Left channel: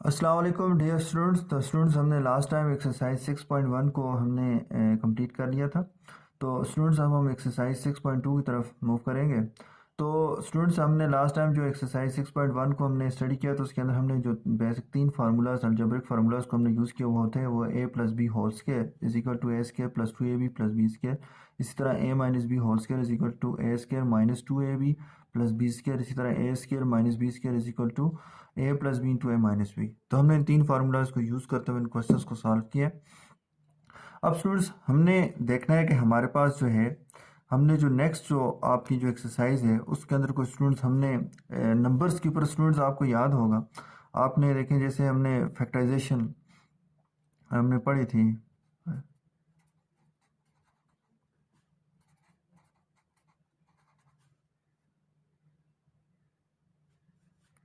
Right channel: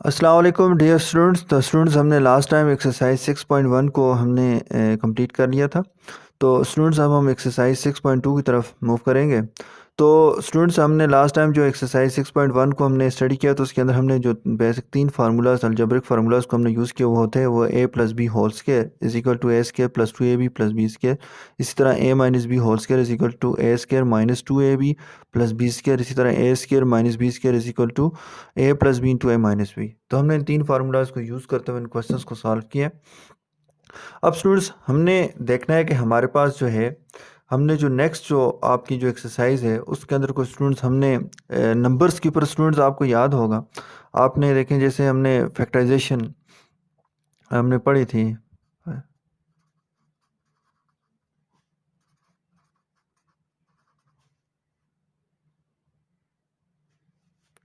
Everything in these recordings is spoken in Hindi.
अस्सलाम वालेकुम डियर स्टूडेंट्स। तो स्टूडेंट्स हमने लास्ट टाइम एक्सरसाइज 6.1 को हमने कंप्लीट कर लिया था। तो स्टूडेंट्स अब हम एक्सरसाइज 6.2 की तरफ मूव करेंगे। तो स्टूडेंट्स हमने लास्ट टाइम जो एक्सरसाइज 6.1 को हमने स्टडी किया तो उसके अंदर हमने जो बेसिक तीन फार्मूलाज अलजेब्रिक फार्मूलाज को हमने यूज़ किया वो होते हैं वो a plus B whole square is equal to A square plus 2ab plus B square. इसी तरह a minus B whole square is equal to A square minus 2ab plus B square. इसी तरह A square minus B square is equal to A plus B into A minus B. तो हमने इन तीन फार्मूलाज को यूज़ करते हुए इन क्वेश्चंस को सॉल्व किया। अब स्टूडेंट्स हमने देखना है कि हमारे पास जो है हमने जो नेक्स्ट जो आपकी जो एक्सरसाइज है उसके अंदर कुछ स्टूडेंट्स हमने नंबर्स के ऊपर स्टूडेंट्स आपको याद होगा आपने देखें जैसे हमने फैक्टराइजेशन हमने पढ़ी थी।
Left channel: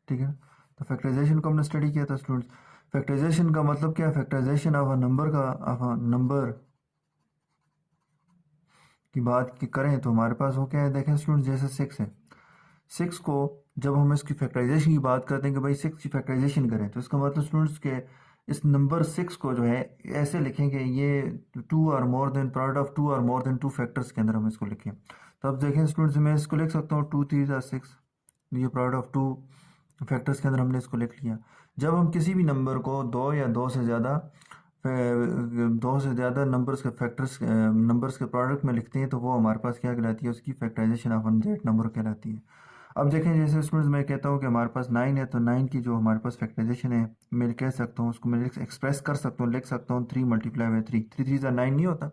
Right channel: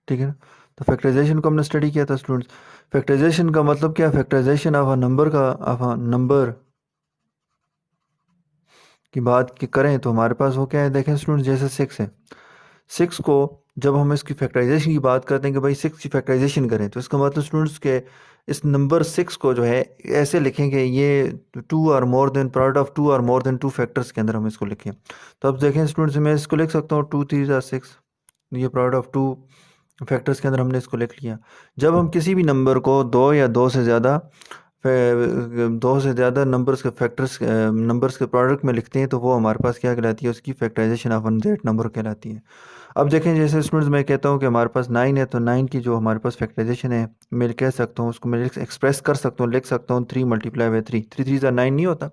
ठीक है ना। तो फैक्टराइजेशन को हमने स्टडी किया था स्टूडेंट्स। फैक्टराइजेशन का मतलब क्या है? फैक्टराइजेशन ऑफ अ नंबर का ऑफ अ नंबर की बात की करें तो हमारे पास वो क्या है देखें स्टूडेंट्स जैसे सिक्स है। सिक्स को जब हम इसकी फैक्टराइजेशन की बात करते हैं कि भाई सिक्स की फैक्टराइजेशन करें तो इसका मतलब स्टूडेंट्स के इस नंबर सिक्स को जो है ऐसे लिखेंगे ये टू और more than product of two और मोर देन टू फैक्टर्स के अंदर हम इसको लिखें। तो अब देखें स्टूडेंट्स मैं इसको लिख सकता हूँ टू थ्री ज़ार सिक्स। ये प्रोडक्ट ऑफ टू फैक्टर्स के अंदर हमने इसको लिख लिया। जब हम किसी भी नंबर को दो या दो से ज़्यादा नंबर्स के फैक्टर्स नंबर्स के प्रोडक्ट में लिखते हैं तो वो हमारे पास क्या कहलाती है? उसकी फैक्टराइजेशन ऑफ अनजेड नंबर कहलाती है। अब देखें जैसे स्टूडेंट्स मैं कहता हूँ कि हमारे पास नाइन है तो नाइन की जो हमारे पास फैक्टराइजेशन है मैं कह सकता हूँ उसको मैं एक्सप्रेस कर सकता हूँ लिख सकता हूँ three multiply by three. Three three ज़ा नाइन नहीं होता।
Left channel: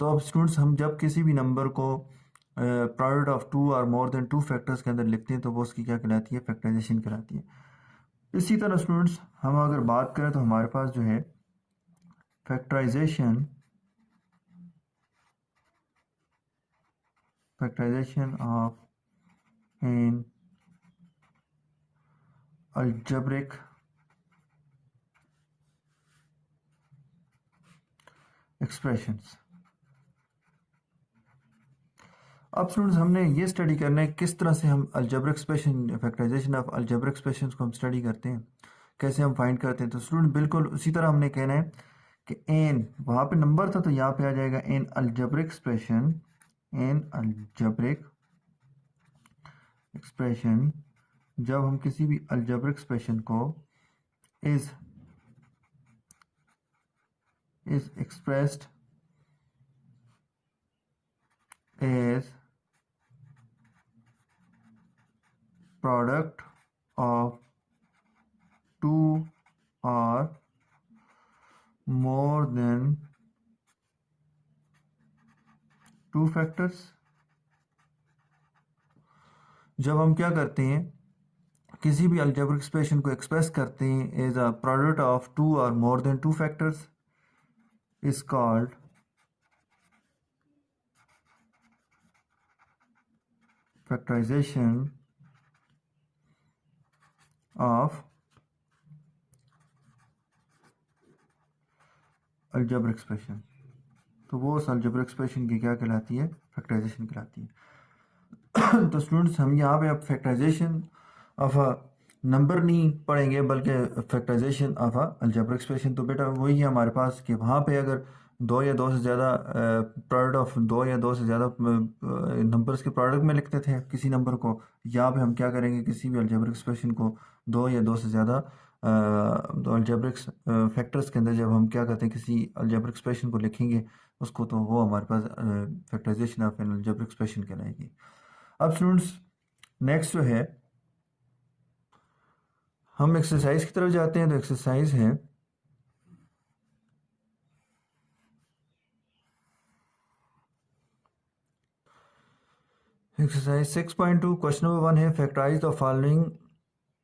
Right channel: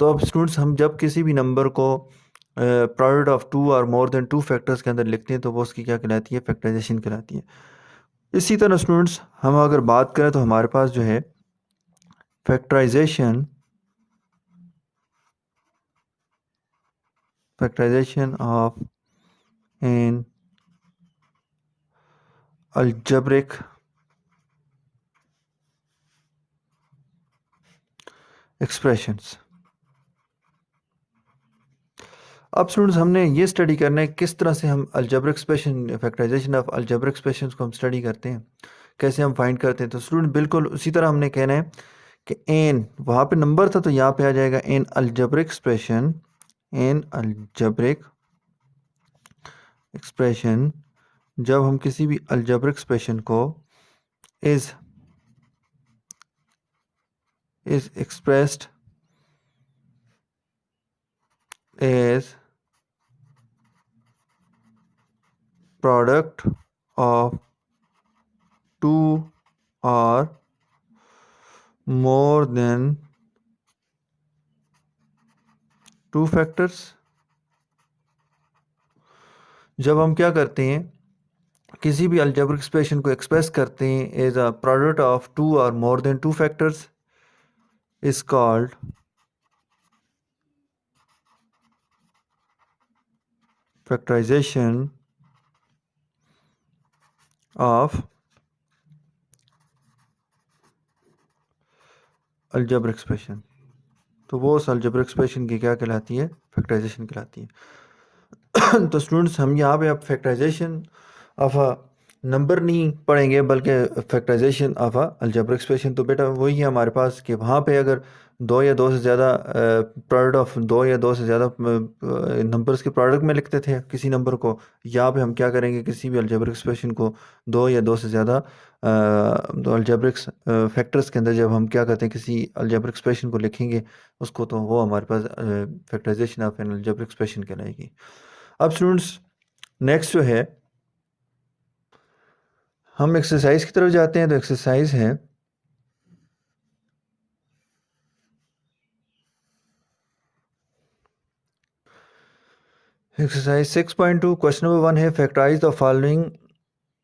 तो अब स्टूडेंट्स हम जब किसी भी नंबर को प्रोडक्ट ऑफ टू और मोर देन टू फैक्टर्स के अंदर लिखते हैं तो वो उसकी क्या कहलाती है? फैक्टराइजेशन कहलाती है। इसी तरह स्टूडेंट्स हम अगर बात करें तो हमारे पास जो है factorisation factorisation of an algebraic expressions। अब स्टूडेंट्स हमने ये स्टडी करना है किस तरह से हम algebraic expression factorisation of algebraic expressions को हम स्टडी करते हैं कैसे हम फाइंड करते हैं। तो स्टूडेंट बिल्कुल उसी तरह हमने कहना है कि एन वहाँ पे नंबर था तो यहाँ पे आ जाएगा an algebraic expression. An algebraic expression जब हम किसी भी अलजेब्रिक एक्सप्रेशन को is is expressed as product of two और मोर देन टू फैक्टर्स। जब हम क्या करते हैं किसी भी अलजेब्रिक एक्सप्रेशन को एक्सप्रेस करते हैं as a product of two और more than two factors is called factorization of algebraic expression. तो वो उस अलजेब्रिक एक्सप्रेशन की क्या कहलाती है? फैक्टराइजेशन कहलाती है। तो स्टूडेंट्स हम यहाँ पे अब फैक्टराइजेशन ऑफ अ नंबर नहीं पढ़ेंगे बल्कि factorisation of a algebraic expression. तो बेटा वही है हमारे पास कि वहाँ पे अगर दो या दो से ज़्यादा प्रोडक्ट ऑफ दो या दो से ज़्यादा नंबर्स के प्रोडक्ट में लिखते थे किसी नंबर को। यहाँ पे हम क्या करेंगे किसी भी अलजेब्रिक एक्सप्रेशन को दो या दो से ज़्यादा दो अलजेब्रिक फैक्टर्स के अंदर जब हम क्या करते हैं किसी अलजेब्रिक एक्सप्रेशन को लिखेंगे उसको तो वो हमारे पास factorization of an algebraic expression कहलाएगी। अब स्टूडेंट्स नेक्स्ट जो है हम एक्सरसाइज की तरफ जाते हैं। तो एक्सरसाइज है एक्सरसाइज 6.2 क्वेश्चन नंबर वन है फैक्टराइज द फॉलोइंग।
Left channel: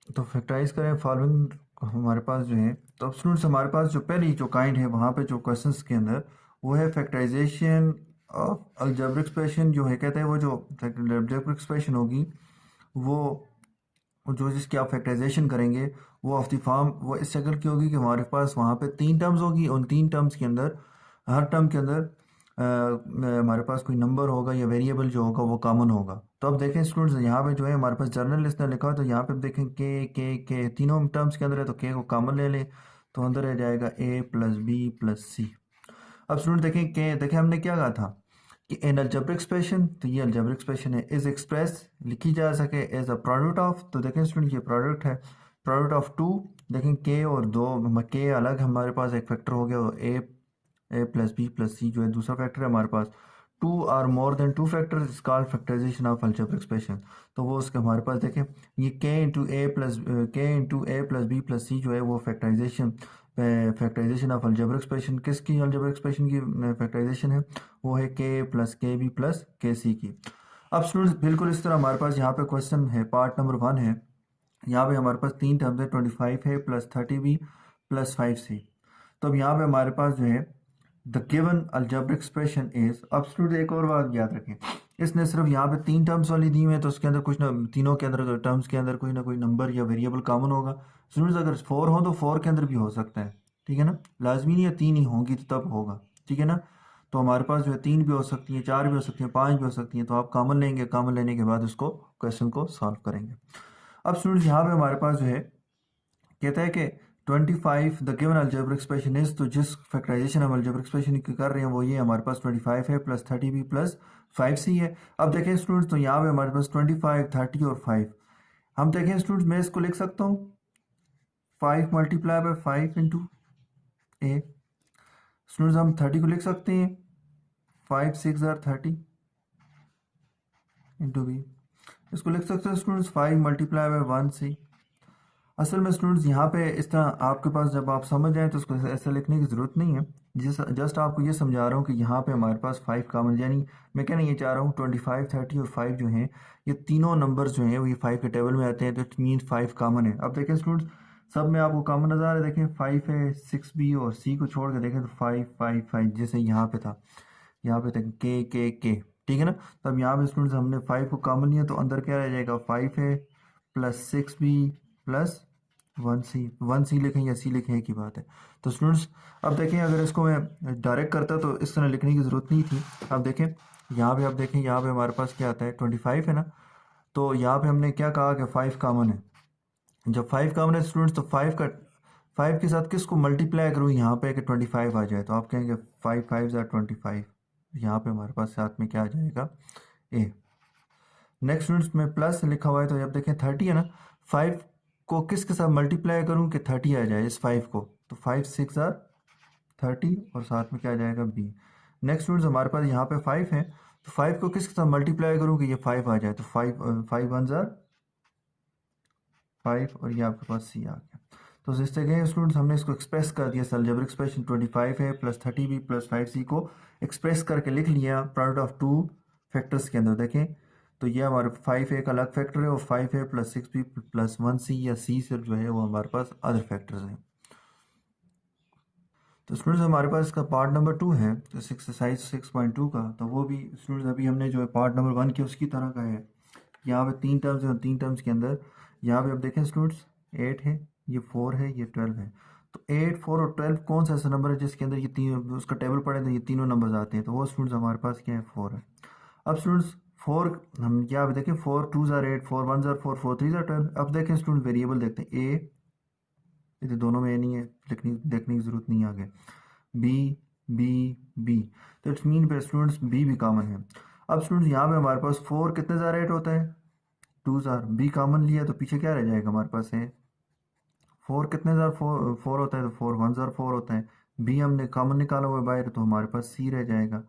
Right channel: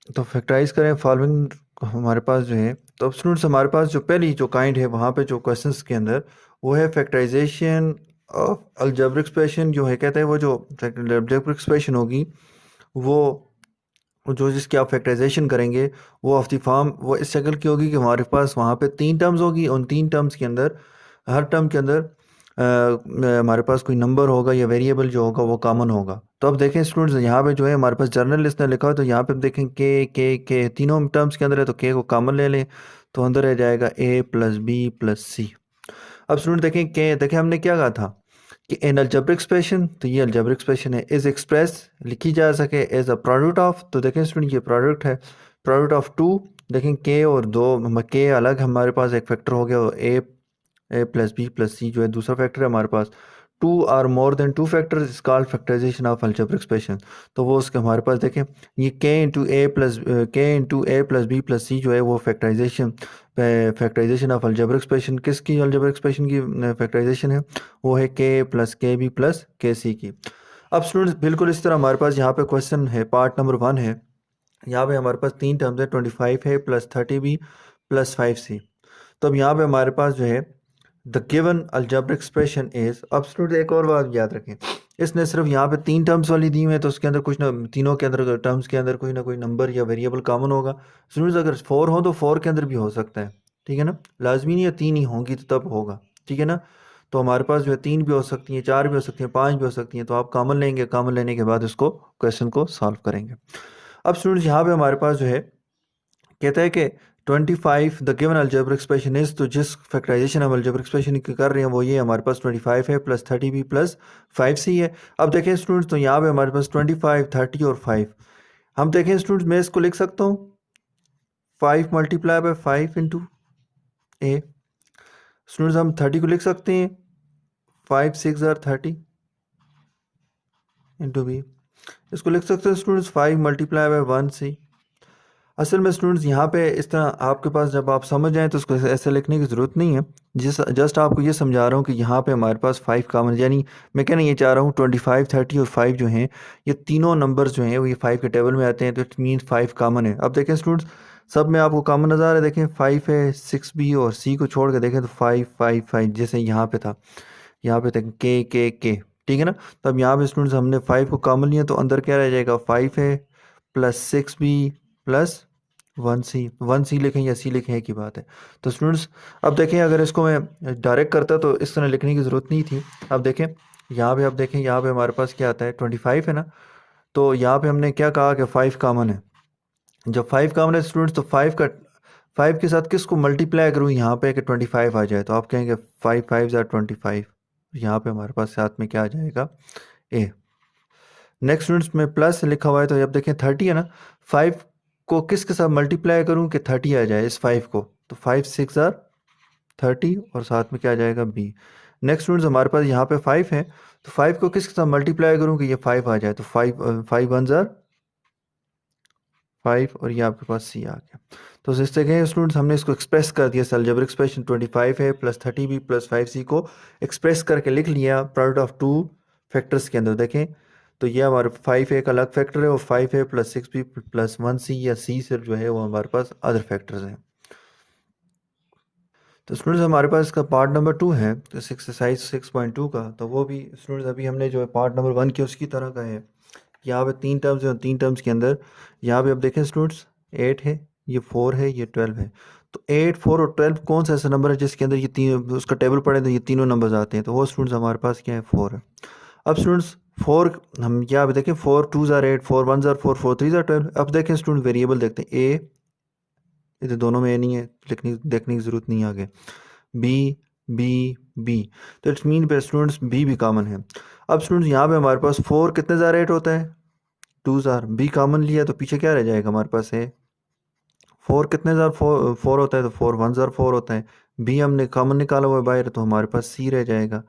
तो फैक्टराइज करें फॉलोइंग हमारे पास जो है। तो अब स्टूडेंट्स हमारे पास जो पहली जो काइंड है वहाँ पे जो क्वेश्चंस के अंदर वो है फैक्टराइजेशन ऑफ अलजेब्रिक एक्सप्रेशन जो है कहते हैं वो जो अलजेब्रिक एक्सप्रेशन होगी वो जो जिसकी आप फैक्टराइजेशन करेंगे वो ऑफ द फॉर्म वो इस शक्ल की होगी कि हमारे पास वहाँ पे तीन टर्म्स होगी। उन तीन टर्म्स के अंदर हर टर्म के अंदर हमारे पास कोई नंबर होगा या वेरिएबल जो होगा वो कॉमन होगा। तो अब देखें स्टूडेंट्स, यहाँ पे जो है हमारे पास जर्नल लिस्ट ने लिखा हो, तो यहाँ पे अब देखें के तीनों टर्म्स के अंदर है, तो के को कॉमन ले लें, तो अंदर रह जाएगा ए प्लस बी प्लस सी। अब स्टूडेंट देखें के, देखें हमने क्या कहा था कि इन अलजेब्रिक एक्सप्रेशन, तो ये अलजेब्रिक एक्सप्रेशन है, इज एक्सप्रेस लिखी जा सके एज अ प्रोडक्ट ऑफ, तो देखें स्टूडेंट ये प्रोडक्ट है, प्रोडक्ट ऑफ टू, देखें के और दो, के अलग हमारे पास एक फैक्टर हो गया, और A plus B plus C जो है दूसरा फैक्टर है हमारे पास, two or more than two factors is called factorization of algebraic expression. तो वो उसके हमारे पास देखें, ये के into A plus B plus C जो है वो फैक्टराइजेशन ऑफ अलजेब्रिक एक्सप्रेशन, किसकी अलजेब्रिक एक्सप्रेशन की फैक्टराइजेशन है, वो है के बी प्लस के सी की। अब स्टूडेंट्स बिल्कुल इस तरह हमारे पास यहाँ पे क्वेश्चन है, पार्ट नंबर 1 है, यहाँ पे हमारे पास तीन टर्म्स है, 25 है प्लस 30b प्लस 5c। तो अब यहाँ पे हमारे पास जो है the given algebraic expression is, अब स्टूडेंट एक और बात याद रखें, इसने सिर्फ यहाँ पे तीन टर्म्स वाली दी हुई है, तो उसके अंदर कुछ ना, तीनों के अंदर टर्म्स के अंदर कोई ना कोई नंबर या वेरिएबल कॉमन होगा। स्टूडेंट्स अगर 4 हो तो 4 के अंदर भी हो सकता है, ठीक है ना, लाजमी नहीं है 3 ही होंगी तो तब होगा, ठीक है ना। तो हमारे पास जो है 3 भी हो सकती हैं, 4 भी हो सकती हैं, 5 भी हो सकती हैं, तो आप कॉमन लेंगे, कॉमन लेने के बाद उसको क्वेश्चन को सॉल्व करेंगे। अब स्टूडेंट्स यहाँ पे हमारे पास जो है कहता है कि 25 the given algebraic expression is, तो जिस फैक्टराइजेशन हम अलजेब्रिक एक्सप्रेशन की कर रहे हैं वो ये हमारे पास 25 है प्लस 30b प्लस 5c है। अब देखें स्टूडेंट्स, तो यहाँ पे हमारे पास 25 30 और 5, हम देखें स्टूडेंट्स मैं इसको लिख सकता हूँ 5 multiply by 5 into A. Students हम 30 को लिख सकते हैं 5 6 आर 30 इंटू बी। इसको लिख सकते हैं स्टूडेंट्स 5 मल्टीप्लाई बाय 1c। असल में स्टूडेंट्स यहाँ पे इस तरह आपके पास जब आप समझ जाएं तो उसको ऐसे लिखने की ज़रूरत नहीं है, जस्ट आपको ये समझा रहा हूँ कि यहाँ पे हमारे पास 5 कॉमन, यानी मैं कहना ये चाह रहा हूँ 25 30 और 5 जो हैं, ये तीनों नंबर्स जो हैं वो ये 5 के टेबल में आते हैं, तो इट मीन्स 5 कॉमन है। अब देखें स्टूडेंट्स, सब में आपको कॉमन नज़र आ रहा है, देखें 5 है, 6b और c को छोड़ के देखें तो 5 5 5 जैसे यहाँ पे था, यहाँ पे देखें के, ठीक है ना। तो अब यहाँ पे स्टूडेंट्स हमने 5 को कॉमन लिया, तो अंदर क्या रह जाएगा 5 है प्लस 6b प्लस 1c लिखें या सी लिखें एक ही बात है। तो स्टूडेंट्स अब देखें, अगर इसको मैं डायरेक्ट करता तो इस तरह लिखने की ज़रूरत नहीं थी। अब देखें यहाँ पे, अब देखें यहाँ पे हमारे पास क्या आता है 25 है ना, तो यहाँ पे हमने क्या कहा कि 5 कॉमन है। जब 5 कॉमन है स्टूडेंट्स, तो 5 के साथ किसको मल्टीप्लाई करूँ यहाँ पे कि 25 आ जाए, तो आप कहेंगे 5 5 ज़ार 25, यहाँ पे हमारे पास साथ में क्या आ जाएगा ए। नेक्स्ट स्टूडेंट्स में प्लस लिखा हुआ है, तो अब देखें 30 है ना, 5 को किसके साथ मल्टीप्लाई करूं कि 30 आ जाए इस 5 को, तो 5 6 आर 30 और साथ में क्या आ जाएगा बी। नेक्स्ट स्टूडेंट्स हमारे पास यहाँ पे 5 है, तो 5 को किसके साथ मल्टीप्लाई करूं कि ये 5 आ जाए, तो 5 1 ज़ार 5 और ये आपके पास सी आ गया। तो इस तरह स्टूडेंट्स हमने इसको एक्सप्रेस कर दिया, अलजेब्रिक एक्सप्रेशन 25 है प्लस 30b प्लस 5c को एक्सप्रेस करके लिख लिया प्रोडक्ट ऑफ टू फैक्टर्स के अंदर। देखें तो ये हमारे 5 एक अलग फैक्टर है और 5 है प्लस 6b प्लस 1c या c से जो है वो हमारे पास अदर फैक्टर्स हैं। तो स्टूडेंट्स हमारे पास इसका पार्ट नंबर 2 है, तो एक्सरसाइज 6.2 का, तो वो भी स्टूडेंट्स अभी हमने जो है पार्ट नंबर 1 किया उसकी तरह का है। यहाँ पे 3 टर्म्स हैं, 3 टर्म्स के अंदर यहाँ पे अब देखें स्टूडेंट्स 8 है, ये 4 है, ये 12 है। तो 8 4 और 12 कौन सा ऐसा नंबर है जिसके अंदर ये तीन, उसका टेबल पढ़े तो ये तीनों नंबर्स आते हैं, तो वो स्टूडेंट्स हमारे पास क्या है 4 है। अब स्टूडेंट्स 4 हम यहाँ पे देखें 4 2 ज़ार 8 4 1 ज़ार 4 4 3 ज़ार 12। अब देखें स्टूडेंट वेरिएबल देखते हैं, ए इधर दोनों में ए नहीं है, लिखने देखने की ज़रूरत नहीं है आगे, बी बी बी, तो इट्स मीन पे स्टूडेंट्स बी भी कॉमन है। अब स्टूडेंट्स यहाँ पे हमारे पास 4 कितने ज़ार 8 होता है 2 ज़ार, बी कॉमन लिया तो पीछे क्या रह जाएगा हमारे पास है 4 कितने ज़ार 4 होता है, तो 4 1 ज़ार 4 होता है, बी हमने कॉमन निकाला हुआ है बाहर, तो हमारे पास सी रह जाएगा,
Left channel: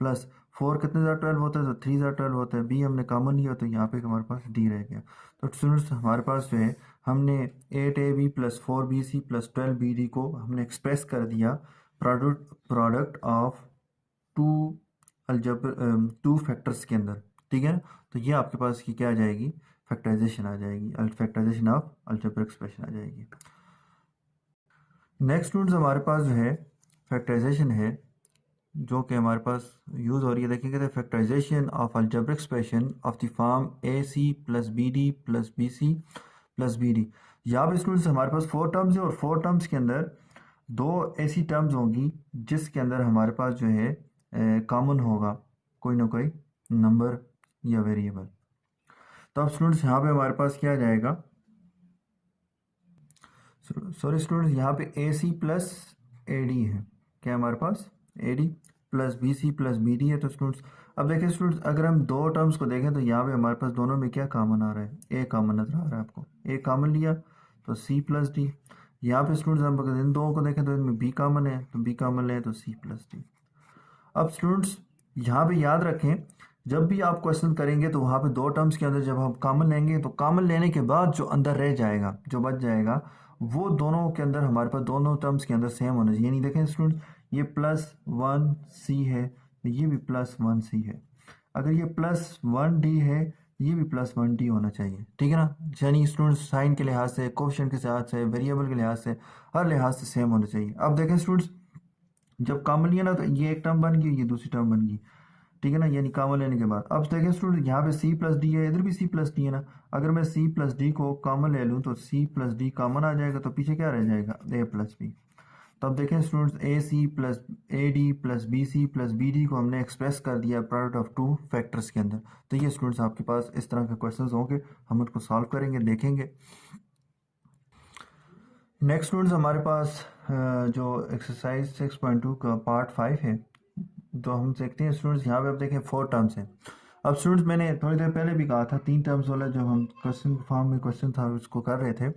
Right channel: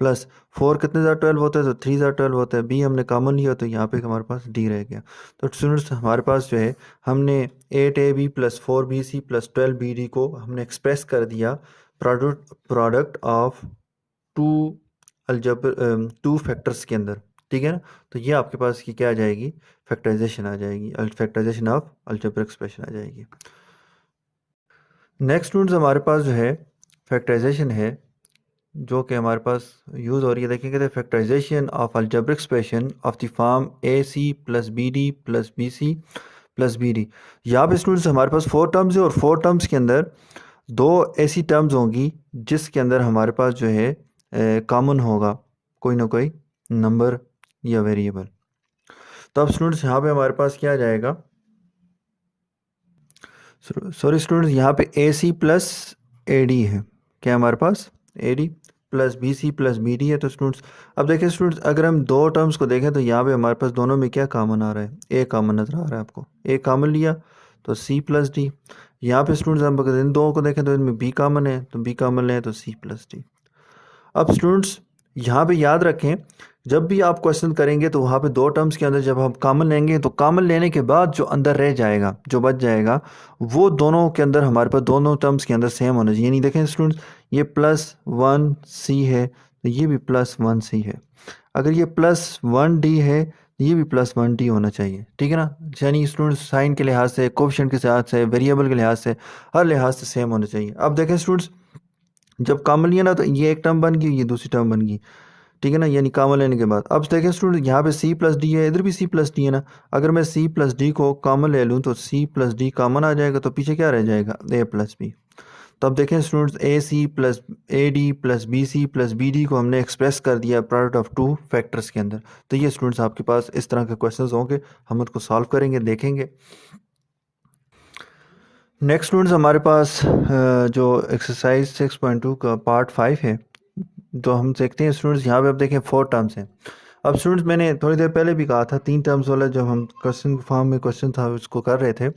प्लस 4 कितने ज़ार 12 होता है, तो 3 ज़ार 12 होता है, बी हमने कॉमन लिया तो यहाँ पे हमारे पास डी रह गया। तो स्टूडेंट्स हमारे पास जो है हमने 8ab plus 4bc plus 12bd को हमने एक्सप्रेस कर दिया product of two two factors के अंदर, ठीक है ना। तो ये आपके पास की क्या आ जाएगी फैक्टराइजेशन आ जाएगी, फैक्टराइजेशन ऑफ अलजेब्रिक एक्सप्रेशन आ जाएगी। नेक्स्ट स्टूडेंट्स हमारे पास जो है फैक्टराइजेशन है जो कि हमारे पास यूज़ हो रही है, देखेंगे तो factorisation of algebraic expression of the form A C plus B D plus B C plus B D. यहाँ पे स्टूडेंट्स हमारे पास 4 टर्म्स है और 4 टर्म्स के अंदर 2 ऐसी टर्म्स होंगी जिसके अंदर हमारे पास जो है कॉमन होगा कोई ना कोई नंबर या वेरिएबल। तो अब स्टूडेंट्स यहाँ पे हमारे पास क्या आ जाएगा, सॉरी स्टूडेंट्स, यहाँ पे ए सी प्लस ए डी है। क्या हमारे पास A D plus B C plus B D है। तो स्टूडेंट्स अब देखिए स्टूडेंट्स, अगर हम दो टर्म्स को देखें तो यहाँ पे हमारे पास दोनों में क्या कॉमन आ रहा है, ए कॉमन नज़र आ रहा है आपको। ए कॉमन लिया तो सी प्लस डी। यहाँ पे स्टूडेंट्स हम अगर इन दो को देखें तो इनमें बी कॉमन है, तो बी कॉमन लें तो सी प्लस डी। अब स्टूडेंट्स यहाँ पे याद रखें, जब भी आप क्वेश्चन करेंगे तो वहाँ पे दो टर्म्स के अंदर जब हम कॉमन लेंगे तो कॉमन लेने के बाद जो अंदर रह जाएगा, जो बच जाएगा, वो दोनों के अंदर हमारे पास दोनों टर्म्स के अंदर सेम होना चाहिए। नहीं देखें स्टूडेंट्स, ये प्लस वन सी है तो ये भी प्लस वन सी है। अगर ये प्लस वन डी है तो ये भी प्लस वन डी होना चाहिए, ठीक है ना। यानी स्टूडेंट्स साइन के लिहाज से, कोफिशिएंट के लिहाज से, वेरिएबल के लिहाज से, हर लिहाज से सेम होना चाहिए। अब देखें स्टूडेंट्स, जब कॉमन लिया ना तो ये एक टर्म बन गई, ये दूसरी टर्म बन गई, ठीक है ना, यानी कॉमन लेने के बाद। अब देखें स्टूडेंट, यहाँ पे सी प्लस डी है, इधर भी सी प्लस डी है ना। अगर मैं सी प्लस डी को कॉमन ले लूँ तो सी प्लस डी कॉमन आ जाएगा, तो पीछे क्या रह जाएगा, ए प्लस बी। तो अब देखें students, A C plus A D plus B C plus B D को हमने एक्सप्रेस कर दिया प्रोडक्ट ऑफ टू फैक्टर्स के अंदर। तो ये स्टूडेंट्स आपके पास इस तरह के क्वेश्चन होंगे, हम उनको सॉल्व करेंगे, देखेंगे। नेक्स्ट स्टूडेंट्स हमारे पास जो एक्सरसाइज 6.2 का पार्ट 5 है, तो हम देखते हैं स्टूडेंट्स, यहाँ पे आप देखें 4 टर्म्स हैं। अब स्टूडेंट्स मैंने थोड़ी देर पहले भी कहा था 3 टर्म्स वाला, जब हम क्वेश्चन फॉर्म में क्वेश्चन था उसको कर रहे थे,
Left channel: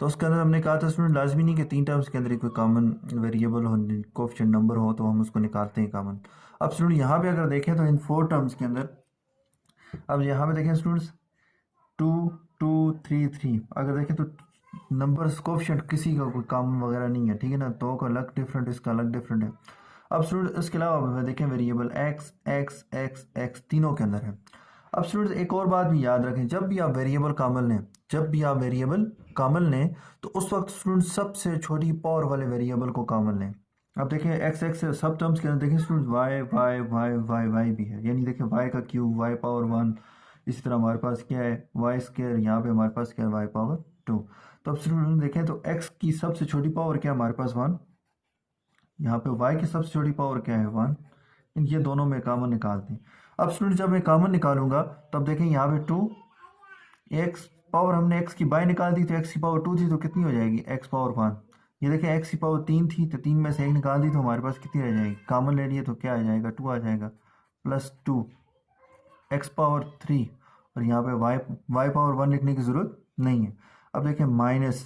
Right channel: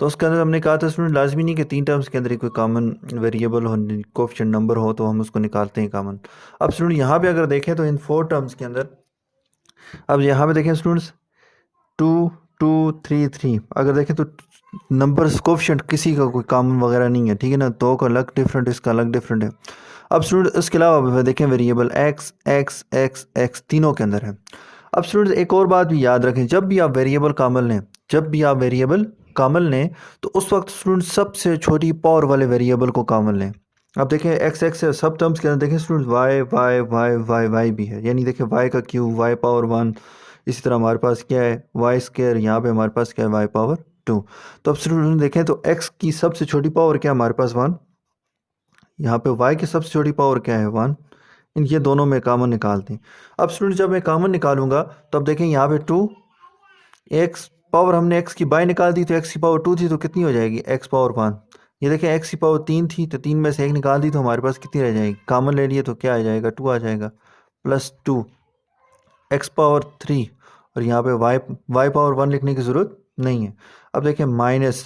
तो उसके अंदर हमने कहा था स्टूडेंट लाजमी नहीं कि 3 टर्म्स के अंदर ही कोई कॉमन वेरिएबल हो, कोफिशिएंट नंबर हो, तो हम उसको निकालते हैं कॉमन। अब स्टूडेंट यहाँ पे अगर देखें तो इन 4 टर्म्स के अंदर, अब यहाँ पे देखें स्टूडेंट्स, 2 2 3 3, अगर देखें तो नंबर्स कोफिशिएंट किसी का कोई कॉमन वगैरह नहीं है, ठीक है ना। दो का अलग डिफरेंट, इसका अलग डिफरेंट है। अब स्टूडेंट इसके अलावा देखें variable x x x x तीनों के अंदर है। अब स्टूडेंट एक और बात भी याद रखें, जब भी आप वेरिएबल कॉमन लें, जब भी आप वेरिएबल कॉमन लें तो उस वक्त स्टूडेंट सबसे छोटी पावर वाले वेरिएबल को कॉमन लें। अब देखें एक्स एक्स है, सब टर्म्स के अंदर देखें student Y Y Y Y Y भी है, यानी देखें वाई का क्यूब वाई पावर वन। इसी तरह हमारे पास क्या है, वाई स्क्वायर, यहाँ पे हमारे पास क्या है, वाई पावर टू। तो अब स्टूडेंट देखें तो एक्स की सबसे छोटी पावर क्या है हमारे पास, वन। यहाँ पे y की सबसे छोटी पावर क्या है, वन। इन ये दोनों में कॉमन निकालते हैं। अब स्टूडेंट जब मैं कॉमन निकालूंगा तो अब देखें यहाँ पे टू, एक्स पावर हमने x की बाय निकाल दी तो x की पावर टू थी, तो कितनी हो जाएगी, x पावर वन। ये देखें x की पावर तीन थी, तो तीन में से एक निकाल दी तो हमारे पास कितनी रह जाएगी, कॉमन ले लिए तो क्या आ जाएगा, टू आ जाएगा, plus two x power three. और यहाँ पे y पावर वन लिखने की ज़रूरत नहीं है। अब देखें minus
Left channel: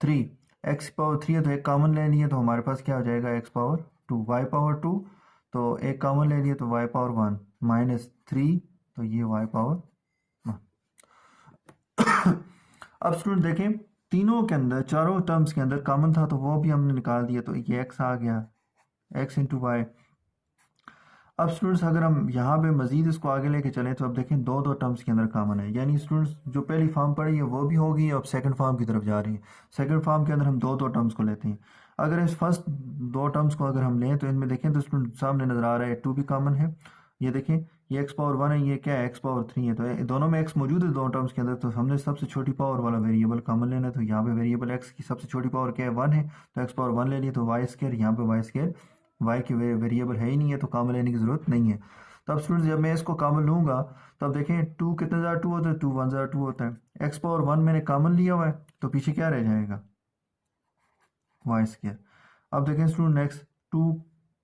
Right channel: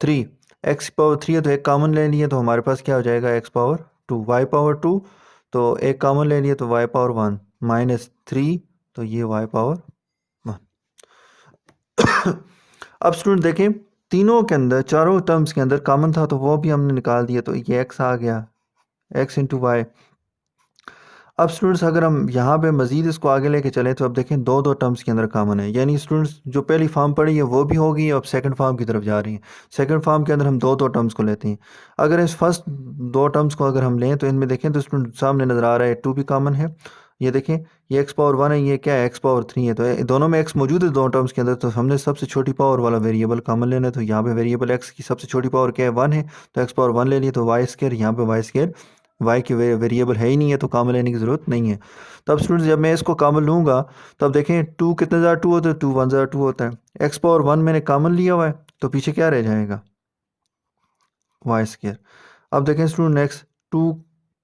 three, x power three है तो एक कॉमन ले लिए तो हमारे पास क्या हो जाएगा, X power two, Y power two, तो एक कॉमन ले लिए तो Y power one, minus three, तो ये वाई पावर वन। अब स्टूडेंट देखें, तीनों के अंदर, चारों टर्म्स के अंदर कॉमन था तो वो भी हमने निकाल दिया, तो ये एक्स आ गया, एक्स इंटू वाई। अब स्टूडेंट्स अगर हम यहाँ पे मज़ीद इसको आगे लेके चलें तो अब देखें दो दो टर्म्स के अंदर कॉमन है, यानी स्टूडेंट्स जो पहली फॉर्म पढ़ी है वो भी होगी, अब सेकंड फॉर्म की तरफ जा रही है। सेकंड फॉर्म के अंदर हम दो दो टर्म्स को लेते हैं। अगर इस फर्स्ट दो टर्म्स को अगर हम लें तो इनमें देखें तो स्टूडेंट सामने नज़र आ रहा है टू भी कॉमन है। ये देखें, ये एक्स पावर वन है, ये क्या है, एक्स पावर थ्री है, तो दोनों में एक्स मौजूद है दो टर्म्स के अंदर, तो हमने सबसे छोटी पावर वाला वेरिएबल कॉमन लेना है। तो यहाँ पे वेरिएबल एक्स की सबसे छोटी पावर क्या है, वन है, तो एक्स पावर वन ले लिए, तो वाई स्केयर, यहाँ पे वाई स्केयर, वाई की वेरिएबल है ही नहीं है तो कॉमन लेने की ज़रूरत नहीं है। तब स्टूडेंट्स जब मैं इसको कॉमन लूँगा तो अब देखें टू कितने ज़्यादा टू होता है, टू वन ज़्यादा टू होता है। एक्स पावर वन मैंने कॉमन लिया हुआ है तो पीछे क्या रह जाएगा, वाई स्केयर। अब देखें student next, two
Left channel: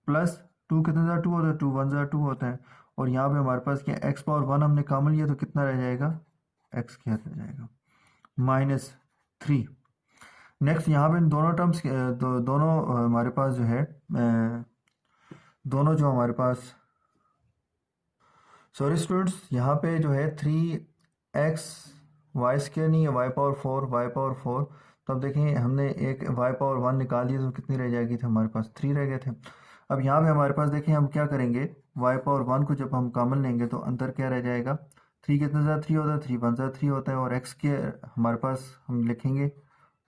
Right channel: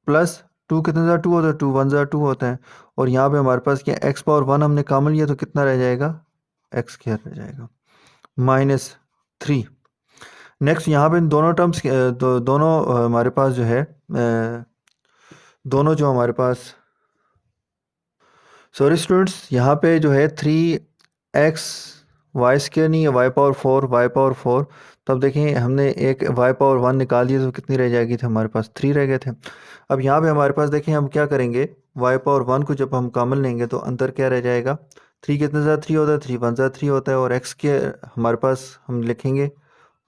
plus two कितने ज़्यादा टू होता है, टू वन ज़्यादा टू होता है। और यहाँ पे हमारे पास क्या, एक्स पावर वन हमने कॉमन लिया तो कितना रह जाएगा, एक्स स्केयर रह जाएगा, माइनस थ्री। नेक्स्ट यहाँ पे दोनों टर्म्स दोनों हमारे पास जो है दोनों जो हमारे पास, सॉरी स्टूडेंट्स, यहाँ पे जो है थ्री एक्स वाई स्केयर नहीं है, Y power four, Y power four. तो अब देखें हमने एक वाई पावर वन निकाल दिया तो कितनी रह जाएगी थी, हमारे पास थ्री रह गए थे। अब यहाँ पे हमारे पास देखें हम क्या करेंगे, वाई पावर वन को जब हम कॉमन लेंगे तो अंदर क्या रह जाएगा, थ्री कितने ज़्यादा थ्री होता है, थ्री वन ज़्यादा थ्री होता है, और एक्स के हमारे पास हम लिखेंगे,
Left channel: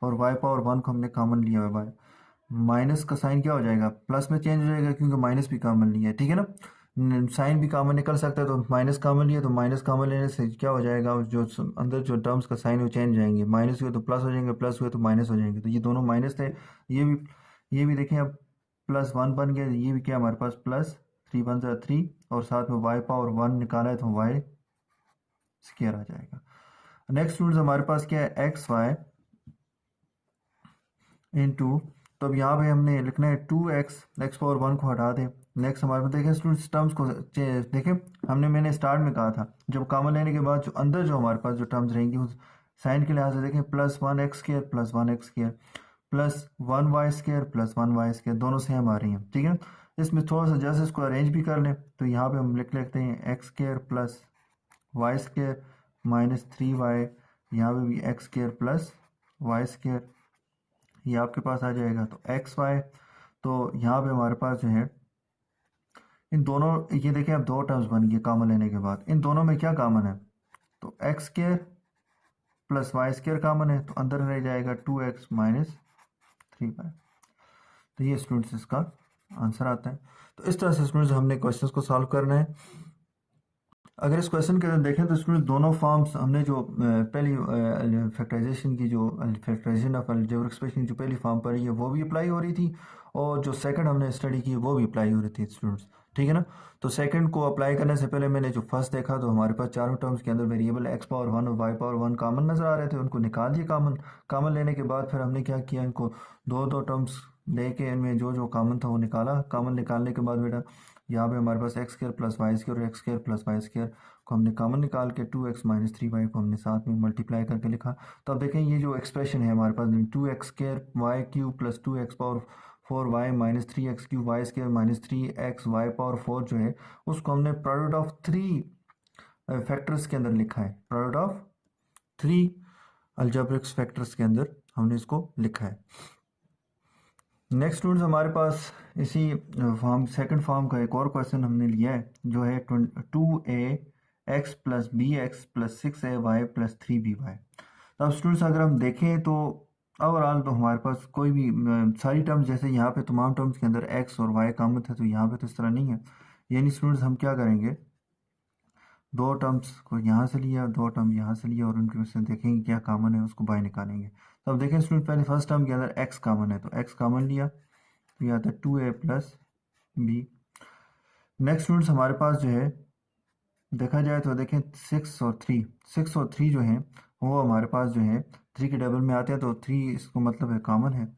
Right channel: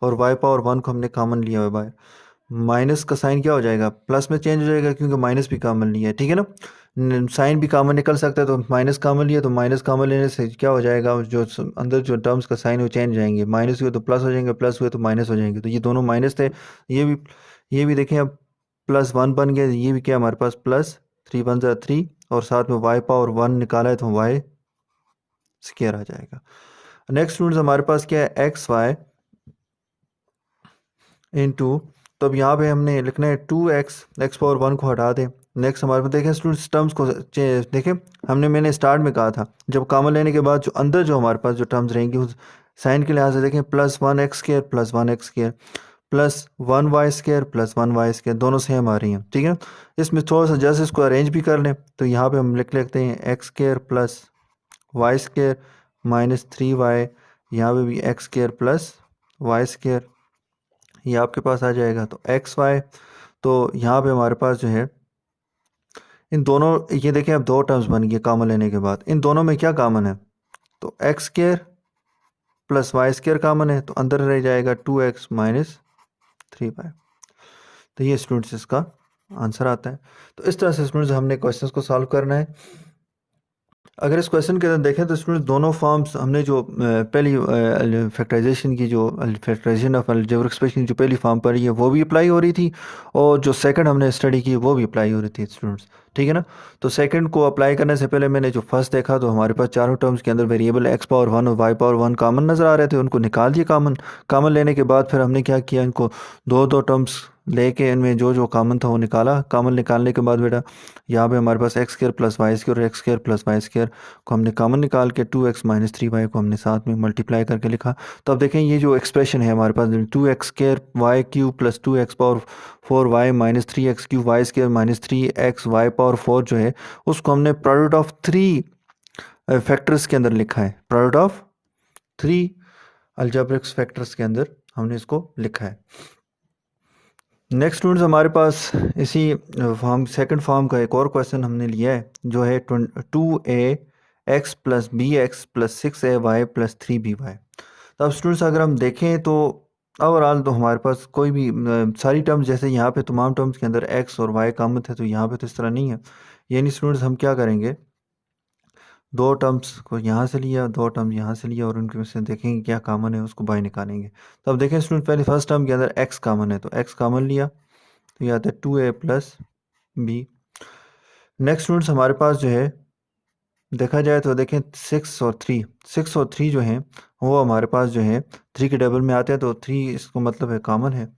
और वाई पावर वन को हमने कॉमन लिया हुआ है। माइनस का साइन क्या हो जाएगा, प्लस में चेंज हो जाएगा क्योंकि माइनस भी कॉमन लिया है, ठीक है ना। साइन भी कॉमन निकल सकता है तो माइनस कॉमन लिया, तो माइनस कॉमन लेने से क्या हो जाएगा, जो अंदर जो टर्म्स का साइन वो चेंज हो जाएंगे, माइनस हुए तो प्लस हो जाएंगे, प्लस हुए तो माइनस हो जाएंगे। तो ये दोनों माइनस थे, ये भी देखें अब प्लस वन बन गया, ये भी क्या हमारे पास प्लस 3 1 ज़ा 3 और साथ में y पावर 1 निकाला है तो y स्क्वायर आ जाएगा। नेक्स्ट स्टूडेंट्स हमारे पास क्या है, एक्स वाई इंटू, तो अब यहाँ पे हमने लिखना है 2x, एक्स पावर 1 को हटा दें। नेक्स्ट हमारे पास देखें स्टूडेंट्स टर्म्स को देखें, मैंने स्टार्ट में कहा था जब कॉमन लेने के बाद जो अंदर जो हमारे पास जो टर्म्स रहेंगी उस साइन के लिहाज से देखें, +1x² +1x² +1y² +1y², दोनों सेम आ रही हैं, ठीक है। इसमें थोड़ा सा जस्ट इसको अरेंज भी कर लें तो यहाँ पे हम लिख लेते हैं x² +y² -3y, यहाँ पे भी x² +y², ये आपके पास आ जाएगा। तो एक्स वाई, तो यहाँ पे हमारे पास जो है इन दोनों, ये देखें अब दो टर्म्स बन गए कॉमन लेने के बाद, इन दोनों में क्या कॉमन है, तो x² +y² कॉमन है, तो अंदर रह जाएगा 2x -3y। तो ये स्टूडेंट्स इसका आंसर आता है। तो इस तरह से स्टूडेंट्स हमने क्वेश्चंस को सॉल्व करना है। अगर इस क्वेश्चन के अंदर देखें तो स्टूडेंट्स दोनों फॉर्म्स हमने जो पहली फैक्टराइजेशन की जो फैक्टराइजेशन ऑफ अलजेब्रिक एक्सप्रेशन की जो पहली फॉर्म पढ़ी है वो भी अप्लाई हो रही थी, और जो सेकंड हमने स्टडी की वो भी अप्लाई हो रही थी स्टूडेंट्स, ठीक है ना। तो सेकंड को अप्लाई करने से पहले मैंने जो फर्स्ट देखा तो हमारे पास चारों टर्म्स के अंदर वेरिएबल x पावर 1 और y पावर 1 कॉमन नज़र आ रहे थे, उनको निकाल दिए कॉमन लेने के बाद फिर हमने क्या किया, इनको दो दो टर्म्स लेके इनमें जो जो कॉमन था वो निकाला। कॉमन निकालने के बाद बेटा यहाँ पे हमारे पास x² +y² और x² +y² को हमने कॉमन निकाल के 2x -3y को हमने साथ में मल्टीप्लाई करके लिखा। तो अब देखें ये जो एक्सप्रेशन है हमारे पास 2x² y³ +2x power 4y -3x³ y² -3xy power 4 जो है उसको हमने प्रोडक्ट ऑफ 3 फैक्टर्स के अंदर लिखा है, प्रोडक्ट ऑफ 3 अलजेब्रिक फैक्टर्स के अंदर हमने इसको लिखा है। नेक्स्ट स्टूडेंट्स हमारे पास इसी फॉर्म सेकंड फॉर्म का एक और क्वेश्चन हमने लिया है जो है 2ax + bx + 6ay + 3by। तो अब स्टूडेंट्स अगर हम देखें तो ओवरऑल तो हमारे पास कोई भी सारी टर्म्स, जैसे यहाँ पे तमाम टर्म्स के अंदर x और y कॉमन थे तो यहाँ पे तो इस तरह नहीं है। यानी स्टूडेंट्स हम क्या करेंगे, दो टर्म्स को यहाँ से लिया, दो टर्म यहाँ से लिया और उनके में से देखेंगे क्या कॉमन है उसको बाय निकालेंगे। तो अब देखें स्टूडेंट पहले फर्स्ट टर्म के अंदर x कॉमन है तो x कॉमन लिया तो ये आता है 2a + b। नेक्स्ट स्टूडेंट्स हमारे पास जो है देखा जाए तो देखें 6 और 3 जो हैं वो हमारे पास जो है 3 के डबल में आते हैं तो 3 इसको मतलब है कॉमन है।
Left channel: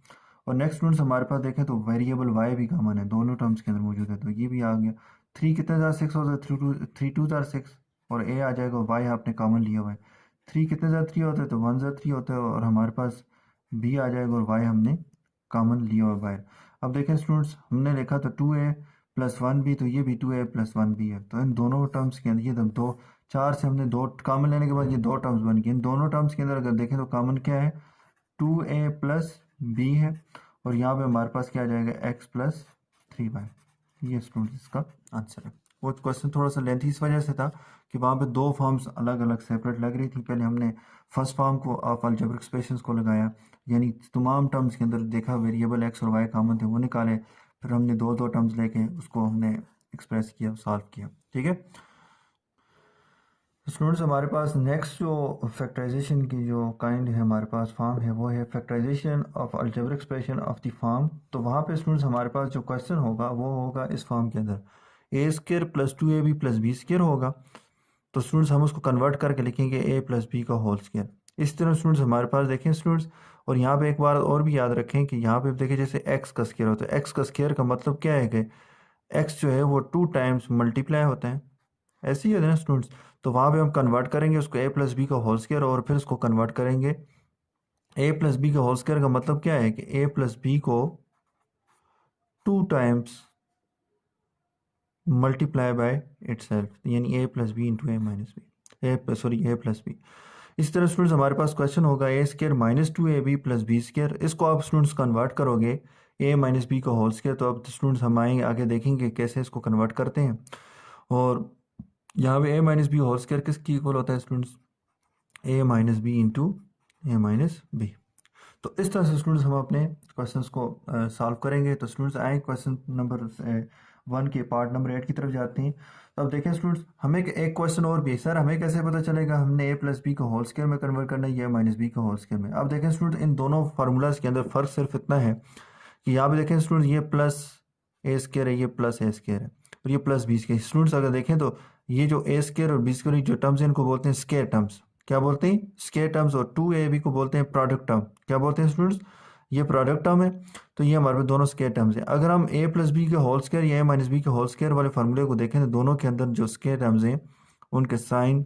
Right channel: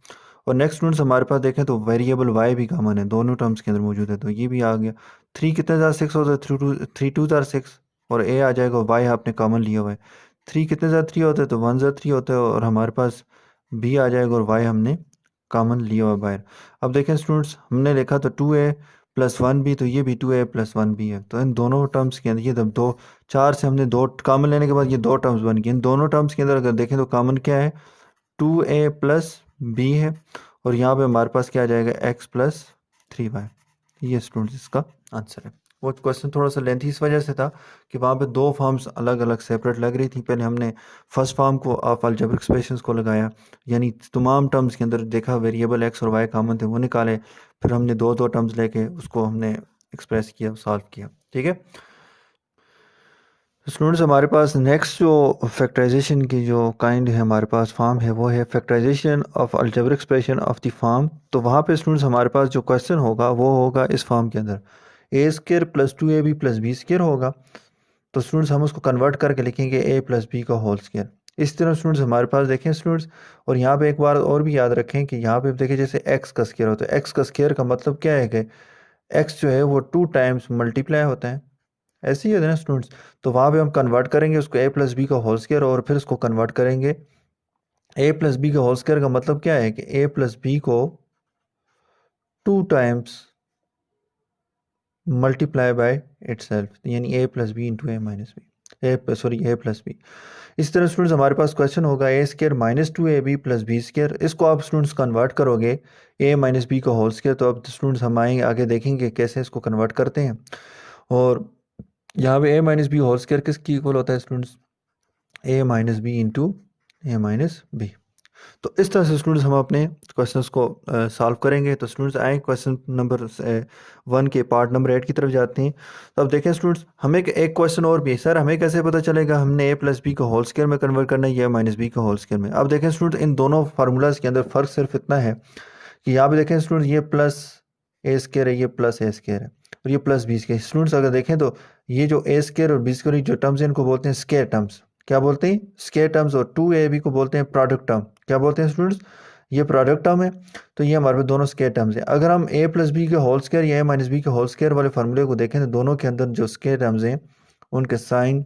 और नेक्स्ट स्टूडेंट्स हमारे पास देखें तो वेरिएबल y भी कॉमन है, दोनों टर्म्स के अंदर मौजूद है तो ये भी आ गया। 3 कितने ज़्यादा 6 होता है, 3 2 ज़्यादा 6 और a आ जाएगा, y आपने कॉमन लिया हुआ है। 3 कितने ज़्यादा 3 होता है तो 1 ज़्यादा 3 होता है और हमारे पास b आ जाएगा और y हमने कॉमन लिया हुआ बाहर। अब देखें स्टूडेंट्स हमने लिखा तो 2a + 1b, तो ये भी 2a + 1b है। तो इन दोनों टर्म्स के अंदर ये जब दो चार से हमने दो कॉमन लेने के बाद ये दो टर्म्स बन गए। इन दोनों टर्म्स के अंदर अगर देखें तो कॉमन क्या है, 2a + b है और यहाँ पे हमारे पास क्या आ जाएगा x + 3y। ये स्टूडेंट्स इसका आंसर है। वो क्वेश्चन थोड़ा सा लेंथी इस वजह से था कि वहाँ पे दो फॉर्म्स अलग अलग सेपरेट लग रही थी। पहले हमने फर्स्ट फॉर्म को ऑफ अलजेब्रिक एक्सप्रेशंस को लगाया, यानी तमाम टर्म्स के अंदर देखा वेरिएबल x और y कॉमन थे वो निकाले, फिर हमने दो दो टर्म्स लेके उसको हमने एक्सप्रेस किया, सॉल्व किया, ठीक है। स्टूडेंट्स हमारे पास नेक्स्ट जो फैक्टराइजेशन की जो काइंड है हमारे पास फॉर्म है वो है factorisation of algebraic expression of the form. तो वहाँ पे स्टूडेंट्स हमारे पास जो क्वेश्चन होगा वो होगा इस फॉर्म के अंदर a² + 2ab + b² होगा। तो स्टूडेंट्स हम उसको कन्वर्ट करके लिखेंगे a + b का होल स्क्वायर। इस तरह स्टूडेंट्स हमारे पास देखें स्टूडेंट्स, और यहाँ पे एक बार और भी याद रखें कि यहाँ पे देखें जैसे x का स्क्वायर होता है, x का स्क्वायर का मतलब क्या है कि x जो है वो 2 टाइम्स मल्टीप्लाई होता है, ऐसे ही है ना स्टूडेंट्स। तो वहाँ पे हम कन्वर्ट करेंगे उसको a + b का होल स्क्वायर और फिर उसको कन्वर्ट करेंगे a + b का होल स्क्वायर का मतलब क्या है कि a + b को 2 टाइम्स मल्टीप्लाई बाय इटसेल्फ, यानी a + b × a - b, a + b। इस तरह स्टूडेंट्स हमारे पास क्वेश्चन होगा a² - 2ab + b²। इसको आप स्टूडेंट्स कन्वर्ट करोगे a - b का होल स्क्वायर। तो अब स्टूडेंट्स हम आएंगे आगे देखेंगे कैसे इसको कन्वर्ट करते हैं। और यहाँ पे a - b होल स्क्वायर किसकी इक्वल होता है students, a - b × a - b। तो इस तरह से स्टूडेंट्स हम अपने क्वेश्चंस को सॉल्व करेंगे। तो स्टूडेंट्स आए क्वेश्चन नंबर 1 के पार्ट नंबर 8 की तरफ जाते हैं। तो अब देखें स्टूडेंट्स हमें एक क्वेश्चन और भी है, सर हमें कैसे पता चलेगा हमने a + b को होल स्क्वायर में कन्वर्ट करना है या -b को होल स्क्वायर में। अब देखें स्टूडेंट इन दोनों फार्मूलाज के अंदर फ़र्क सिर्फ इतना है कि यहाँ पे देखें स्टूडेंट ये +a² है, ये +a² है। और ये प्लस बी स्केयर। स्टूडेंट्स अगर देखें तो ये जो ए स्केयर और बी स्केयर जो टर्म्स हैं इनको बोलते हैं स्केयर टर्म्स। क्या बोलते हैं? Square terms. और टू ए बी को बोलते हैं प्रोडक्ट टर्म। क्या बोलते हैं स्टूडेंट्स? ये प्रोडक्ट टर्म है। तो ये हमारे पास दोनों स्केयर टर्म्स हैं। अगर हम ए प्लस बी के होल स्केयर या ए माइनस बी के होल स्केयर वाले फार्मूले को देखें तो दोनों के अंदर जो स्केयर टर्म्स हैं उनके साइन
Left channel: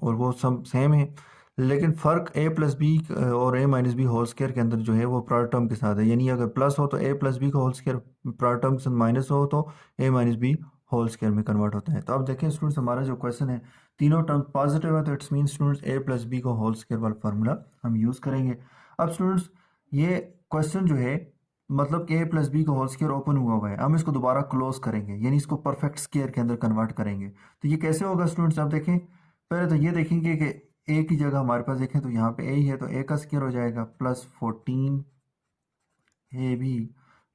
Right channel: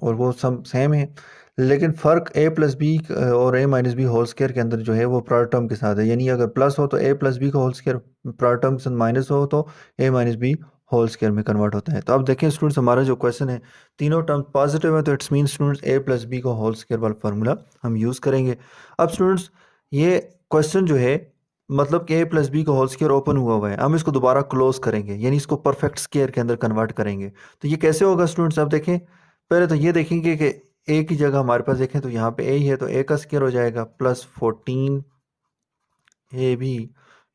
और वो सब सेम है, लेकिन फ़र्क ए प्लस बी और ए माइनस बी होल स्केयर के अंदर जो है वो प्रोडक्ट टर्म के साथ है। यानी अगर प्लस हो तो ए प्लस बी का होल स्केयर प्रोडक्ट टर्म के साथ, माइनस हो तो ए माइनस बी होल स्केयर में कन्वर्ट होता है। तो अब देखें स्टूडेंट्स, हमारा जो क्वेश्चन है तीनों टर्म पॉजिटिव है, तो it's mean students A plus B का होल स्केयर वाला फार्मूला हम यूज़ करेंगे। अब स्टूडेंट्स ये क्वेश्चन जो है मतलब कि ए प्लस बी का होल स्केयर ओपन हुआ है, हम इसको दोबारा क्लोज करेंगे यानी इसको परफेक्ट स्केयर के अंदर कन्वर्ट करेंगे। तो ये कैसे होगा स्टूडेंट्स? आप देखें, पहले तो ये देखेंगे कि ए की जगह हमारे पास देखें तो यहाँ पे ए ही है, तो ए का स्केयर हो जाएगा plus 14 A B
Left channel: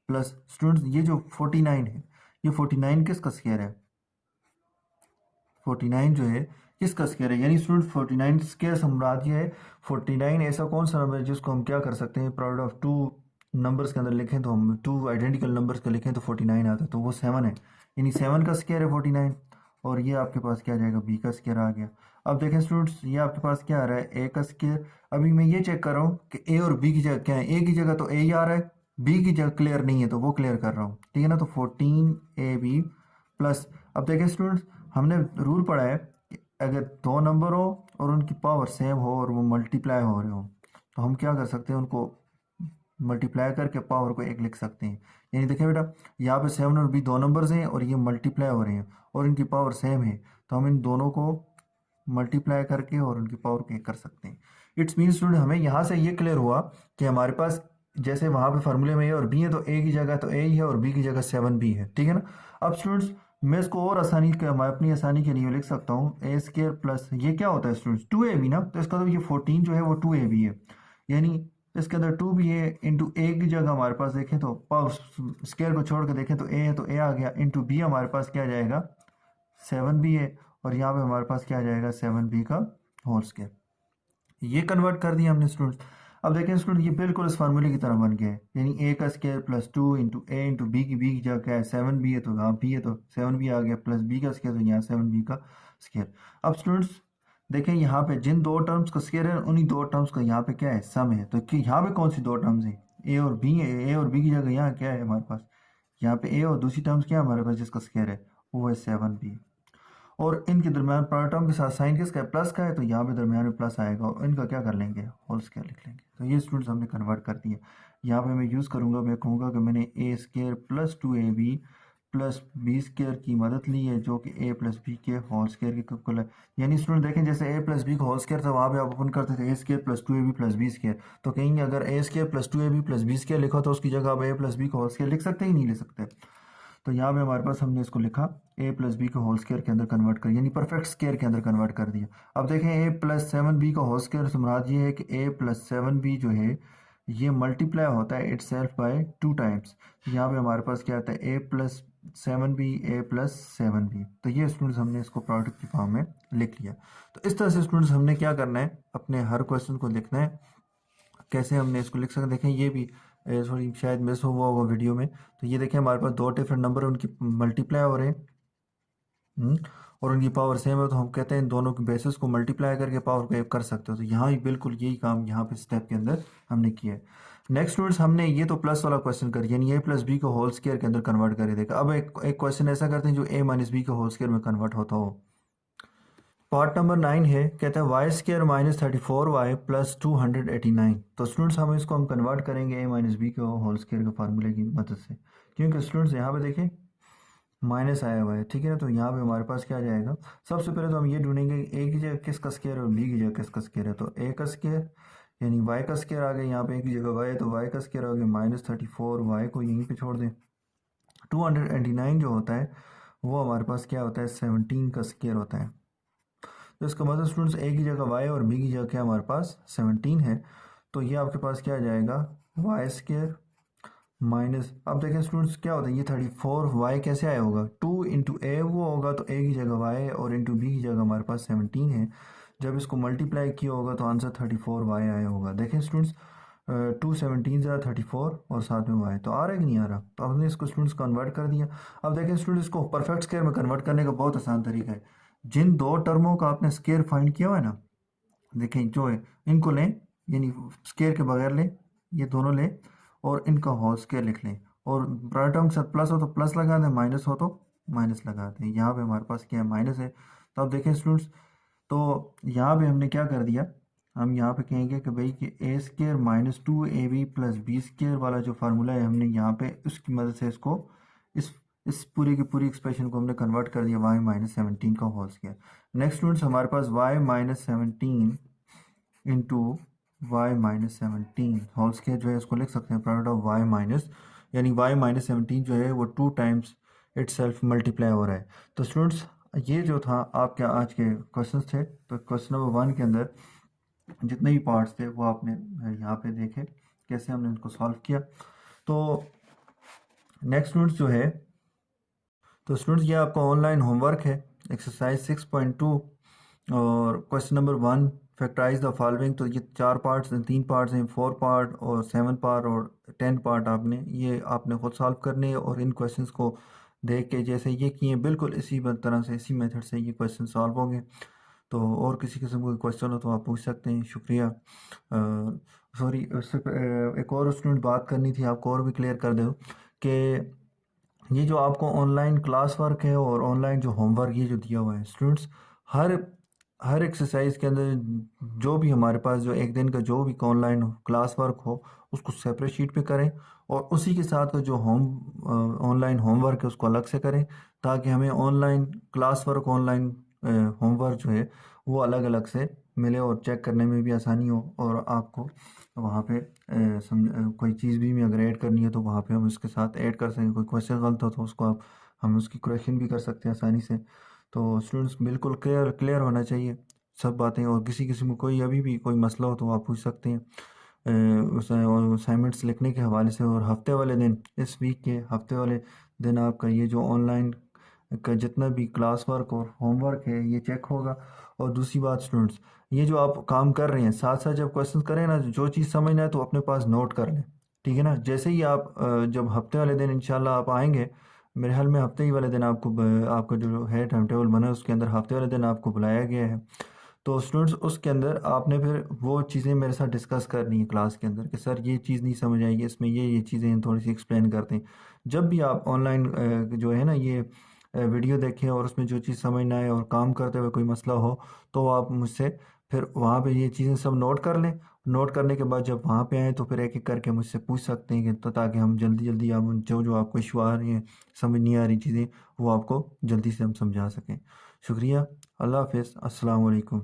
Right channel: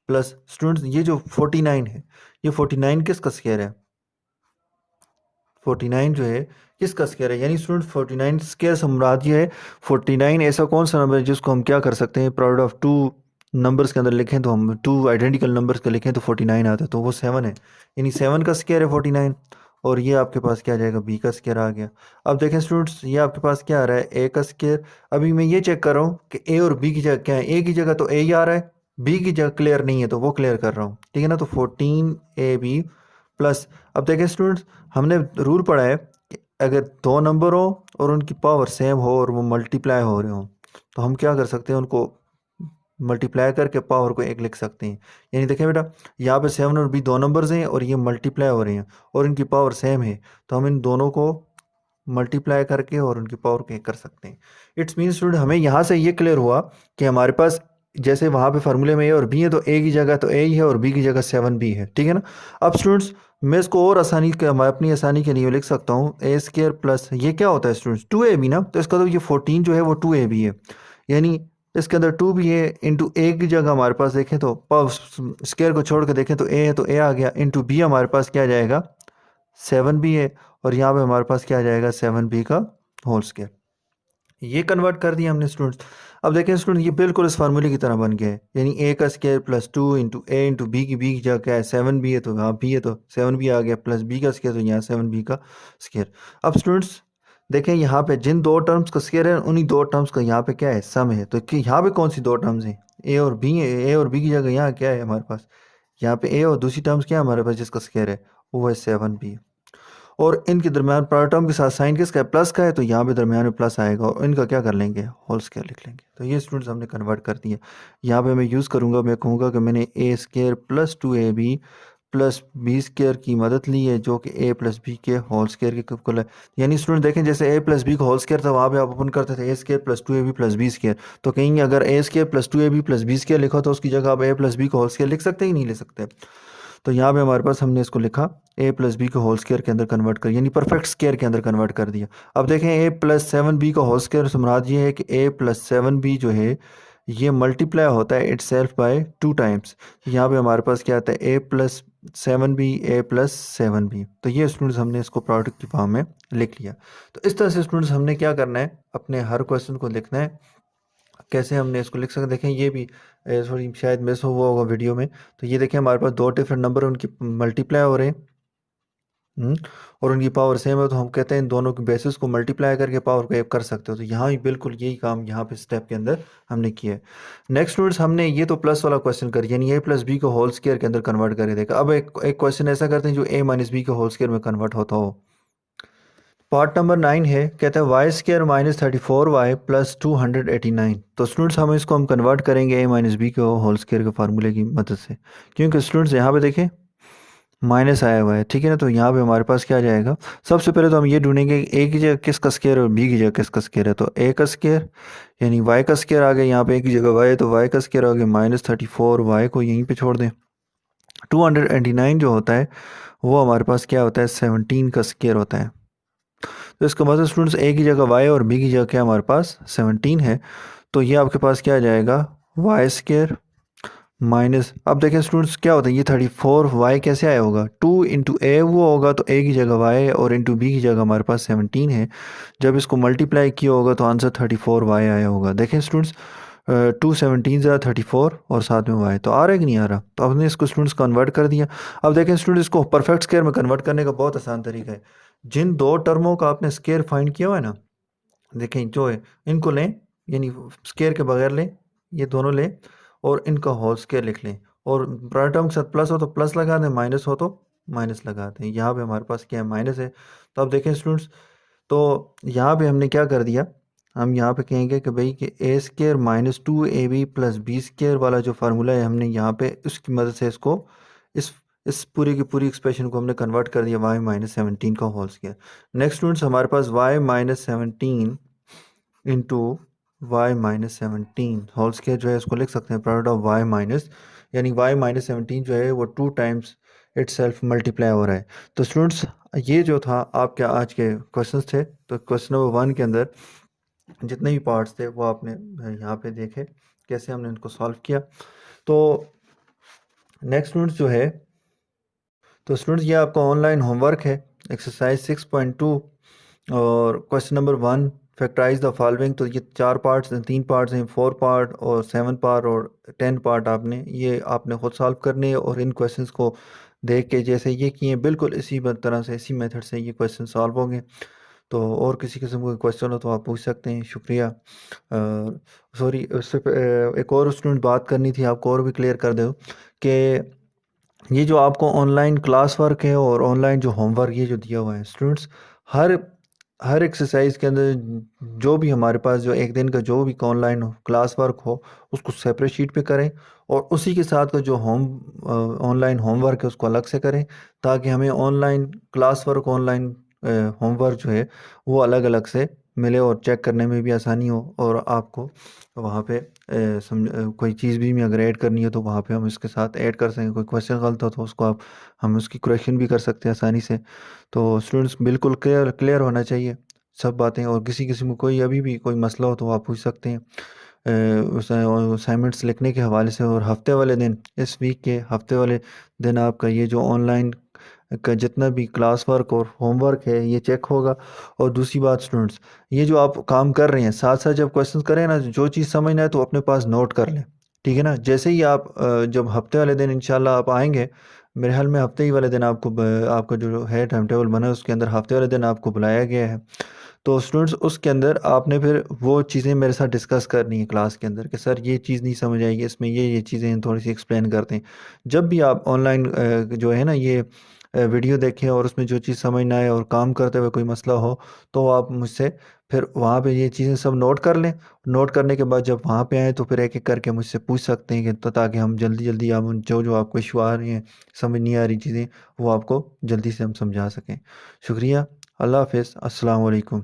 plus students ये जो 49 है, ये 49 किसका स्केयर है? 49 जो है किसका स्केयर है? यानी स्टूडेंट 49 स्केयर से मुराद ये है 49 ऐसा कौन सा नंबर है जिसको हम क्या कर सकते हैं, प्रोडक्ट ऑफ टू नंबर्स के अंदर लिखें तो हम टू आइडेंटिकल नंबर्स का लिखें तो 49 आता है, तो वो 7 है। यानी 7 का स्केयर है 49। और ये आपके पास क्या आ जाएगा? बी का स्केयर आ गया। अब देखें स्टूडेंट्स, ये आपके पास क्या आ रहा है? ए का स्केयर। अभी मैं ये चेक कर रहा हूँ कि ए और बी की जगह क्या है। ए की जगह तो ए ही आ रहा है, बी की जगह क्लियर नहीं है तो वो क्लियर कर रहा हूँ, ठीक है ना। तो 14 ए बी प्लस, अब देखें स्टूडेंट्स, हमने रूल पढ़ा है कि अगर दो नंबर हो और उनकी पावर सेम हो और वो मल्टीप्लाई हो रहे हो तो हम क्या कर सकते हैं, उनको मल्टीप्लाई करके पावर को एक लिख सकते हैं। यानी देखें बेटा, यहाँ पे 7 और बी दो नंबर्स हैं और ये मल्टीप्लाई हो रहे हैं और इनकी पावर सेम है, तो हम इन दोनों को मल्टीप्लाई करके और उनकी पावर को एक कर सकते हैं। इट्स मीन स्टूडेंट हमें यहाँ से ये क्लियर हुआ कि हमारे पास जैसे वहाँ पे फार्मूले में ए और बी है तो ए की जगह तो ए ही है और बी की जगह 7 बी है, ठीक है ना। अब स्टूडेंट्स मैं इसको और आसानी के, मैं अपनी आसानी के लिए लिख सकता हूँ ए स्केयर प्लस ये क्या होता है स्टूडेंट्स? 2ab ना, तो इसका तो ये 14 जो है वो 2ab है। यानी इसके अंदर 2 भी है, इंटू ए की जगह हमारे पास देखें तो स्केयर को छोड़ के देखें तो ए है तो ए आ गया, इंटू बी हमारे पास क्या आ जाएगा? 7 भी है और यहाँ पे हमारे पास क्या आ जाएगा? 7b का होल स्केयर। ये कन्वर्ट कर दिया हमने स्टूडेंट्स। अब देखें स्टूडेंट, ये बिल्कुल इस फार्मूले की तरह बन गया है। यानी ए का स्केयर प्लस 2 इंटू ए इंटू बी की जगह क्या है? 7b है तो यहाँ बी है तो 7b आ गया, प्लस बी का स्केयर तो यहाँ 7b का स्केयर। अब स्टूडेंट्स देखें, यहाँ पे जिन दो टर्म्स का स्केयर है उन्हीं दो टर्म्स का यहाँ पे क्या है? सम है। तो कि यहाँ पे कौन सी दो टर्म्स हैं? ए और बी है। ए और बी की जगह यहाँ क्या है हमारे पास? यहाँ पे ए और दूसरी टर्म्स क्या है हमारे पास जिसका स्केयर है? वो है 7b। और इनके दरमियान प्रोडक्ट टर्म के साथ साइन किसका है? प्लस का है, तो यहाँ पे दरमियान में प्लस आएगा और इनका क्या कर लेंगे? होल स्केयर लिख लेंगे। तो ये स्टूडेंट्स हमने कन्वर्ट कर दिया। यहाँ पे मैं यूज़ करूँगा, मैं कहूँगा कि मैंने A square plus 2ab plus B square की मदद ली है जो कि ए प्लस बी के होल स्केयर के इक्वल है। यानी स्टूडेंट देखें, जैसे ए प्लस बी का होल स्केयर था वहाँ पे आप ओपन करते थे A square plus 2ab plus B square, तो कहेंगे अगर A square plus 2ab plus B square लिखा तो उसकी जगह आप ए प्लस बी का होल स्केयर लिख सकते ही नहीं लिख सकते। तो यहाँ पे हमारे पास हमने इसको लिखा ए प्लस बी को होल स्केयर के अंदर कन्वर्ट कर, यानी परफेक्ट स्केयर के अंदर कन्वर्ट कर दिया। अब देखें ए प्लस 7b का होल स्केयर से मुराद ये है कि ए प्लस 7b जो है ये मल्टीप्लाई होता है इट सेल्फ बाय 2 टाइम्स। यहाँ पे हमारे पास क्या आता है? ए प्लस 7b ए प्लस 7b। तो ये स्टूडेंट्स हमने इसको प्रोडक्ट की फॉर्म में लिख लिया। तो इस तरह से स्टूडेंट्स हमने क्या करना है, अपने हर क्वेश्चन को लिखना है। कैसे हमने इसको लिख सकते हैं? देखें ये भी थोड़ी शायद मिस हुआ होगा वीडियो में। तो ये देखें हमारे पास दो डिफरेंट नंबर उनकी मल्टीप्लाई हो रहे हैं, और उनकी पावर सेम है, तो हम कहते हैं इन दोनों की बेसिस को मल्टीप्लाई करके पावर को एक कर सकते हो। तो यहाँ भी बिल्कुल यही काम यहाँ पे स्टेप के अंदर हमने किया है। नेक्स्ट स्टूडेंट्स, हमने ये तो प्लस वाला क्वेश्चन कर यानी ए प्लस बी को होल स्केयर के अंदर कन्वर्ट करके देखा। अब एक क्वेश्चन ऐसा करते हैं जो ए माइनस बी के होल स्केयर में कन्वर्ट होता हो। पार्ट नंबर 9 है, कहते हैं Y square minus 34y plus 289। तो स्टूडेंट्स हम कन्वर्ट करेंगे ए माइनस बी के होल स्केयर के फार्मूले की मदद से, क्योंकि स्टूडेंट्स यहाँ पे देखें माइनस आया हुआ है, ठीक है ना। तो यहाँ पे हमारे पास क्या आ जाएगा? सबसे पहले तो हम ये ढूंढेंगे ए की जगह किसका स्केयर और बी की जगह किसका स्केयर है। तो ए का स्केयर यानी वाई का स्केयर आ गया, यहाँ पे ए की जगह वाई है तो वाई का स्केयर आ गया माइनस 34y को यहीं पे छोड़ दें। 289 जो होता है वो हमारे पास क्या होता है? 17 का स्केयर होता है। तो इसका मतलब स्टूडेंट्स ए की जगह वाई और बी की जगह क्या हमारे पास 17 है। तो ये आपके पास क्या आ जाएगा? वाई स्केयर माइनस, अब देखें स्टूडेंट्स क्या होता है ये 34y कैसे आया होगा? 2 इंटू ए वो होगा तो ए की जगह वाई और इंटू बी की जगह हमारे पास 17 है। जब इसको मल्टीप्लाई किया होगा तो आंसर 34y आया होगा। देखें स्टूडेंट्स 2 17 34 और साथ में वाई, तो आ रहा है कि नहीं आ रहा? तो आपने इसको स्टूडेंट्स कन्वर्ट कर दिया। अब देखें स्टूडेंट्स, इसको परफेक्ट स्केयर में कन्वर्ट करने का बहुत आसान तरीका है। जिन दो टर्मों का आपने स्केयर फाइंड किया हुआ है ना, देखें जो है, इनको लें, यानी स्केयर के बगैर लें, ये दोनों लें और इनका होल स्केयर लिख लें, और बड़ा टर्म के साथ प्लस हो तो प्लस लगा दें, माइनस हो तो माइनस लगा दें। यहाँ पे हमारे पास क्या है, माइनस है। तो अब देखें स्टूडेंट्स, तो यहाँ पे हमने क्या कर दिया, हम यहाँ पे कहेंगे कि भाई कि A square -2ab plus B square वाला जो फार्मूला है, हमने यहाँ पे उसकी मदद से इसको इस इस पूरी की पूरी एक्सप्रेशन को हमने कन्वर्ट कर दिया y-17 का होल स्केयर। नेक्स्ट स्टूडेंट्स, हमारे पास y-17 into y-17 whole square जो है इसको लिख सकते हैं प्रोडक्ट ऑफ y माइनस, यानी y-17 जो है वो 2 टाइम्स इट सेल्फ मल्टीप्लाई हो रहा है। तो स्टूडेंट्स, ये जो था आपके आज के क्वेश्चंस थे। तो क्वेश्चन नंबर 1 के अंदर जितने भी पार्ट्स थे वो आपने यहाँ पे देखे कैसे हमने इनको सॉल्व किया। तो नेक्स्ट स्टूडेंट्स जो है, तो स्टूडेंट्स ये आपका ऑनलाइन होमवर्क है, एक्सरसाइज 6.2 और question number 1, factorise the following. तो ये 4 पार्ट्स हैं, 3 पार्ट्स हैं, 4 पार्ट और 7 पार्ट और 10 पार्ट आपने खुद सॉल्व करने हैं, और इन क्वेश्चंस को देख के जैसे ये किए बिल्कुल इसी तरह से, इसी मेथड से ये क्वेश्चन सॉल्व होंगे। तो और किसी किस्म का क्वेश्चन हो तो आप पूछ सकते हैं। शुक्रिया। सॉरी, उससे एक और स्टूडेंट बात करनी थी आपको और भी क्लियर कर दूँ कि ये जो आपको ऑनलाइन क्लास वर्क है और ऑनलाइन जो होमवर्क ये जो दिया हुआ है स्टूडेंट्स, हर हर एक्सरसाइज के अंदर जो भी हमारे पास जो एक दिन का जो भी ऑनलाइन क्लास वर्क हो उसको सेपरेट शीट पे करें, और उसी के साथ का जो ऑनलाइन होमवर्क है उसको अलग से करें, ताकि हमें online class work, online homework जो है वो अलग अलग से मिले और चेक करने में भी आसानी हो, और आपको वहाँ पे कोई चीज़ भी अगर ऐड करनी है तो वहाँ पे हम इसके साथ ऐड कर सकें। कोई क्वेश्चन गलत हो तो उसको हम उसकी करेक्शन भी कर सकते हैं आसानी से। तो स्टूडेंट्स बिल्कुल क्लियर क्लियर होना चाहिए सब बातें, और किसी किसी में कोई अभी भी कोई मसला हो तो आप पूछ सकते हैं असाइनमेंट्स लिखने के हवाले से। और हफ्ते वाले दिन, इस वीक के हफ्ते वाले दिन आपका ये जो ऑनलाइन का जितना भी क्लास वर्क और होमवर्क है ये चेक होगा। और दूसरी बात स्टूडेंट्स, ये जो आप काम कर रहे हैं साथ साथ जब क्वेश्चन करें ना, जो चीज़ समझना है तो अपने पास नोट कर लें, ठीक है ना। जैसे ही आप जब हफ्ते वाले दिन इंशाल्लाह आप आएंगे, मेरे ख्याल में हफ्ते ही वाले दिन आपको आपका जो है टाइम टेबल बना है उसके अंदर हफ्ते वाले दिन आपको बुलाया गया है। तो स्टूडेंट्स उसके अंदर आपने फिर वो चीज़ें मेरे साथ डिस्कस करनी है क्लास के अंदर कि सर ये चीज़ नहीं समझ आएगी, इसमें ये चीज़ें थोड़ी सी एक्सप्लेन करते हैं। जब भी आप ऑनलाइन जो है ना ये वीडियो देखें और उसमें जो चीज़ समझ ना आए और काम करते हुए कोई मसला हो, तो आप मुझसे फिर वहाँ पे ये चीज़ें सब नोट कर लें। नोट करने के बाद जब वहाँ पे आएँ तो फिर एक एक करके मुझसे पूछ सकते हैं कि, तो ताकि हम जल्दी जल्दी आप जो जो आपको इशू आ रही हैं, समझ नहीं आ रही चीज़ें, वो आपको जल्दी से हम समझा सकें। शुक्रिया। अल्लाह हाफ़िज़। अस्सलाम वालेकुम।